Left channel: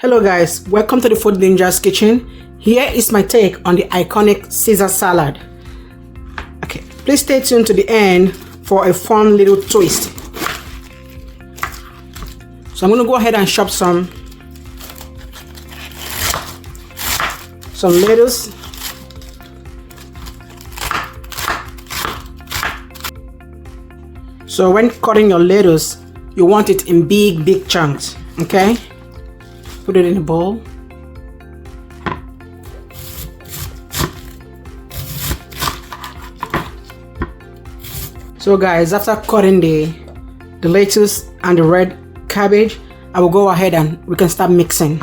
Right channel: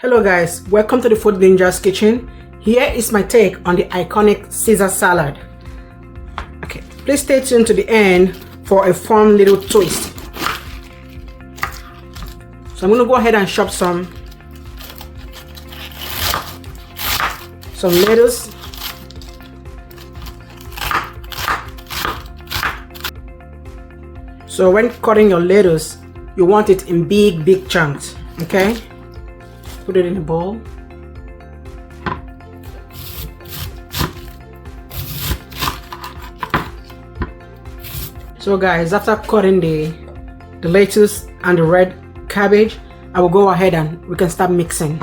Hello guys, welcome to the Food Ninja's kitchen. Here is my take on the iconic Caesar salad. Okay, please stay tuned to the end for a fun little twist. So I'm going to go ahead and chop some lettuce. So when cutting your lettuce, you want it in big chunks, okay? Put it in a bowl. So guys, after cutting the lettuce and the red cabbage, I will go ahead and we can start mixing.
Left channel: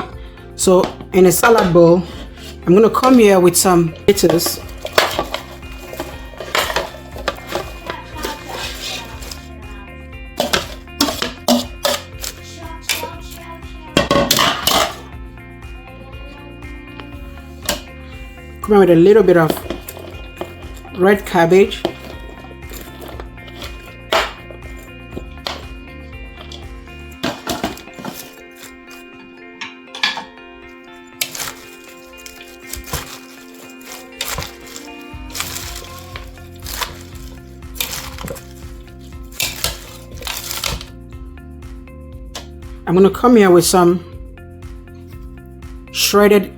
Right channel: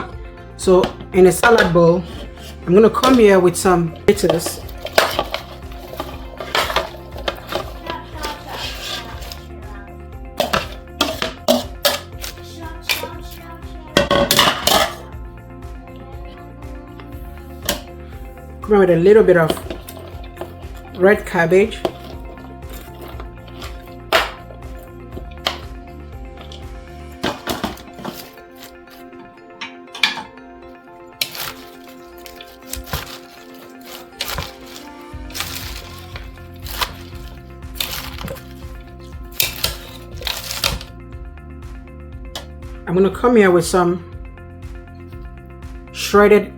So in a salad bowl, I'm going to come here with some lettuce. Come in with a little bit of red cabbage. I'm going to come here with some shredded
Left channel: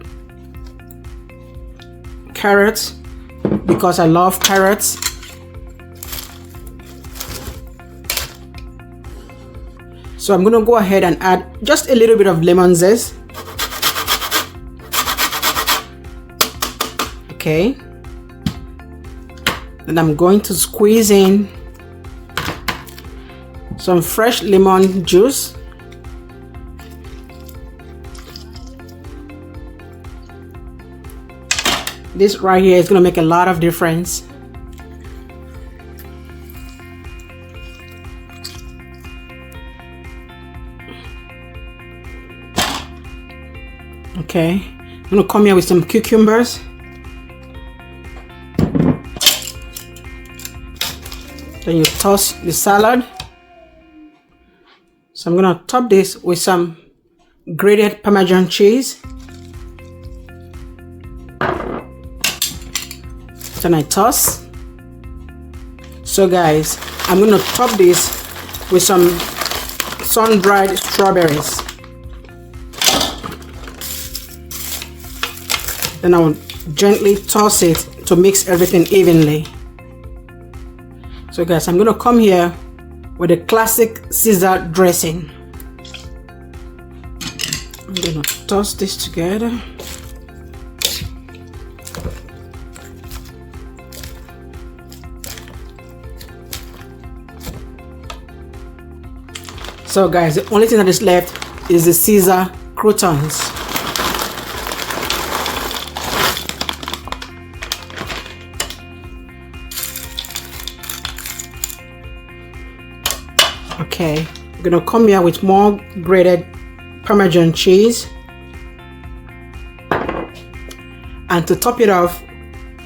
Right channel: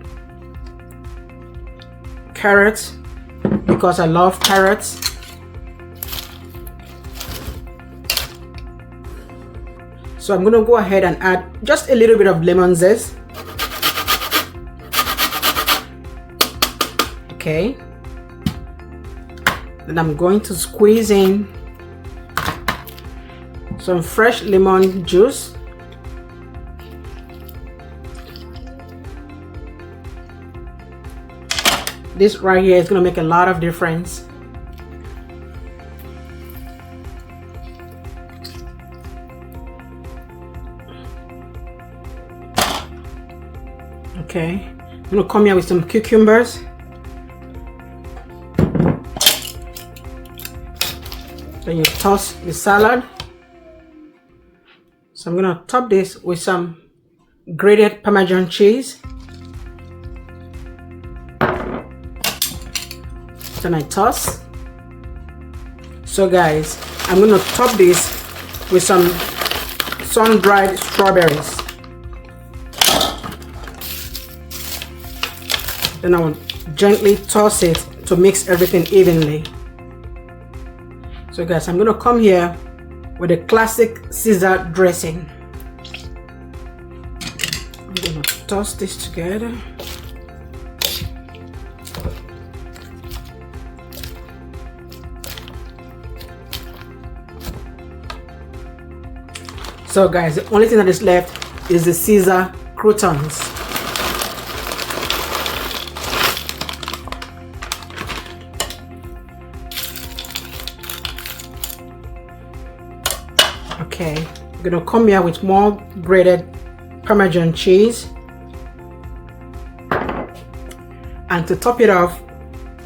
carrots because I love carrots. So I'm going to go ahead and add just a little bit of lemon zest. Okay. And I'm going to squeeze in some fresh lemon juice. This right here is going to make a lot of difference. Okay, I'm going to come here with some cucumbers. Then you toss the salad. So I'm going to top this with some grated Parmesan cheese. Then I toss. So guys, I'm going to top this with some sun-dried strawberries. Then I'll gently toss it to mix everything evenly. So guys, I'm going to come here with a classic Caesar dressing. I'm going to toss this together. So guys, the only thing that is left is the Caesar croutons. Okay, I'm gonna come here with more grated Parmesan cheese. And to top it off,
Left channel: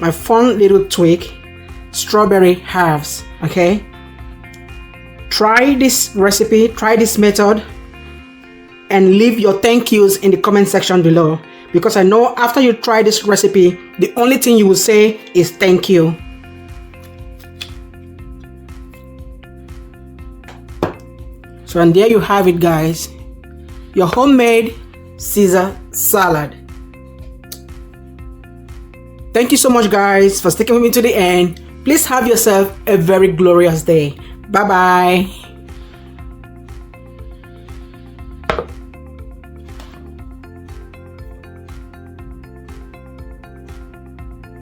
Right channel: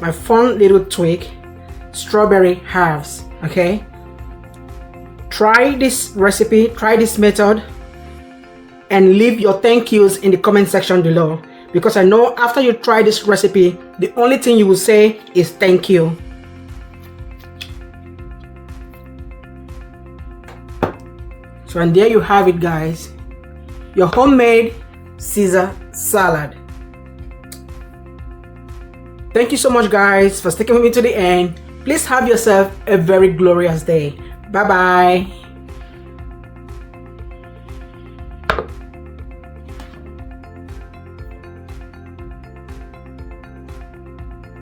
my fun little tweak, strawberry halves, okay? Try this recipe, try this method, and leave your thank yous in the comment section below, because I know after you try this recipe, the only thing you will say is thank you. So and there you have it guys, your homemade Caesar salad. Thank you so much guys for sticking with me to the end. Please have yourself a very glorious day. Bye bye.